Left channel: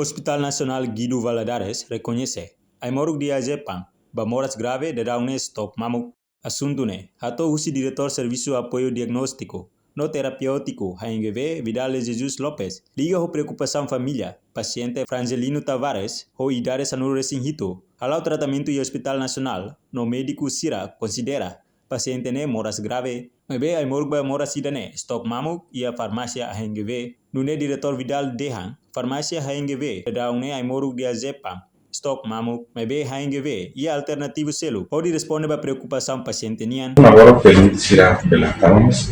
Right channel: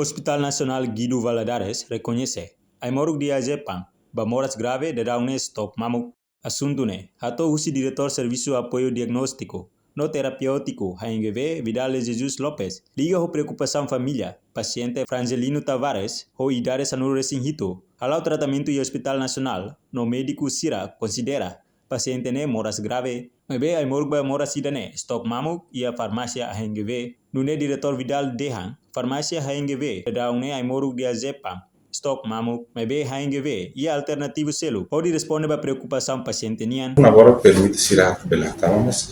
Hospital Nacional Guido Valadares reconhece a moruk dia Jepang, bamoras grave de daune stop mamuk. Asuntune, hato usi diretor Serviço Apoio Diagnóstico, no terapêutico HNGV Vidal Jesus Lopes, liga a preocupação família, paciente Frangelino Tavares, ou idade sanuro resinhito, halau tratamento e Hospital Nacional, no médico Sira considera, paciente ne moras grave, mebe ai moruk moras idane, stop mamuk e a farmácia HNGV, nune diretor Vidal Dehan, farmácia HNGV, daune ai moruk dia Jepang, stok mamuk, mebe HNGV e alternativo selo, pode responder para preocupação paciente nian. Agora permite tirar pelas calmas,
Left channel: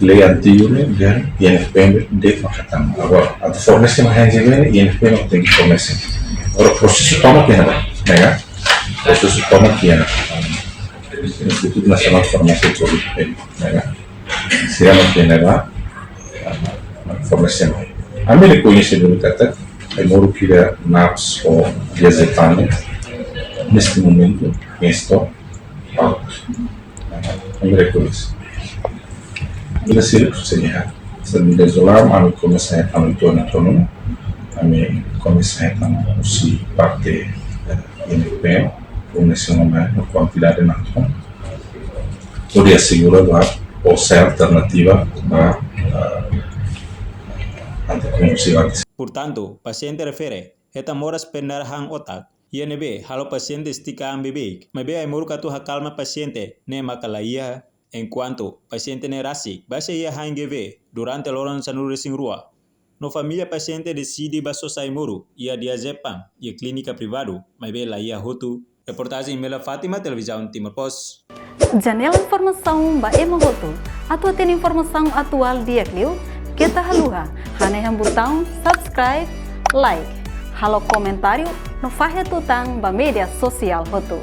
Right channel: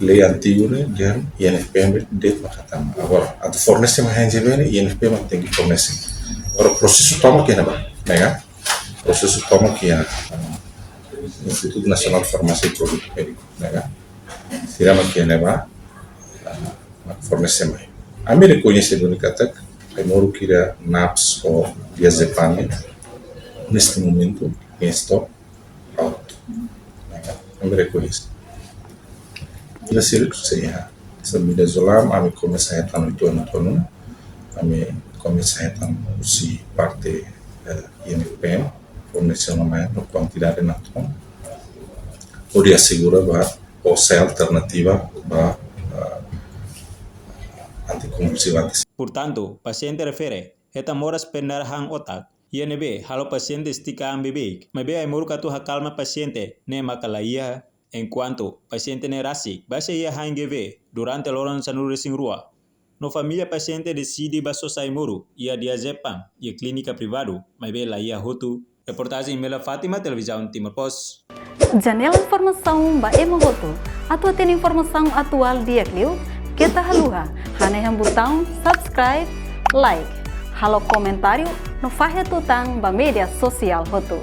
lei antiga dan INFP de Makatan. Agora, a formação HNGV e INFP não tem que começar. Agora, o processo toma que não, né? O processo toma que não. Instituto Nacional de Farmácia e Produto, né? Se não tem nada, formação. A mim reconhece do Makatan. Eu moro aqui na NAPS ou Diazepam, neste momento, estou alto. Eu me reconheço. Eu sei que seria, se me desolar, mas eu comecei a estar no entorno autônomo, eu comecei a estar aussi parte INPE, fornecendo uma quantidade de nação, poderia segurar ou ser alternativa para anticonvulsivantes. Portanto, paciente refere, eta moras pendarahan otak, INB, halo paciente estica ambebek, mebe ai moru katu hakalma paciente, ne makalaia, enquanto paciente ne rasik, base ia HNGV, durante loron sanuru resing rua. No familia paciente decide baso sai moru, ia diazepam, ia clínica privado, mebe la ia hotu. Reportagem Mela Fátima, Televisão Timor Post. Janela informação ba Emohoto, atua tem informação atual dia Clio, kita haluha, haneham botão subscribe, like, halo comentário no Fahia Tutang ba media sosial Hoto.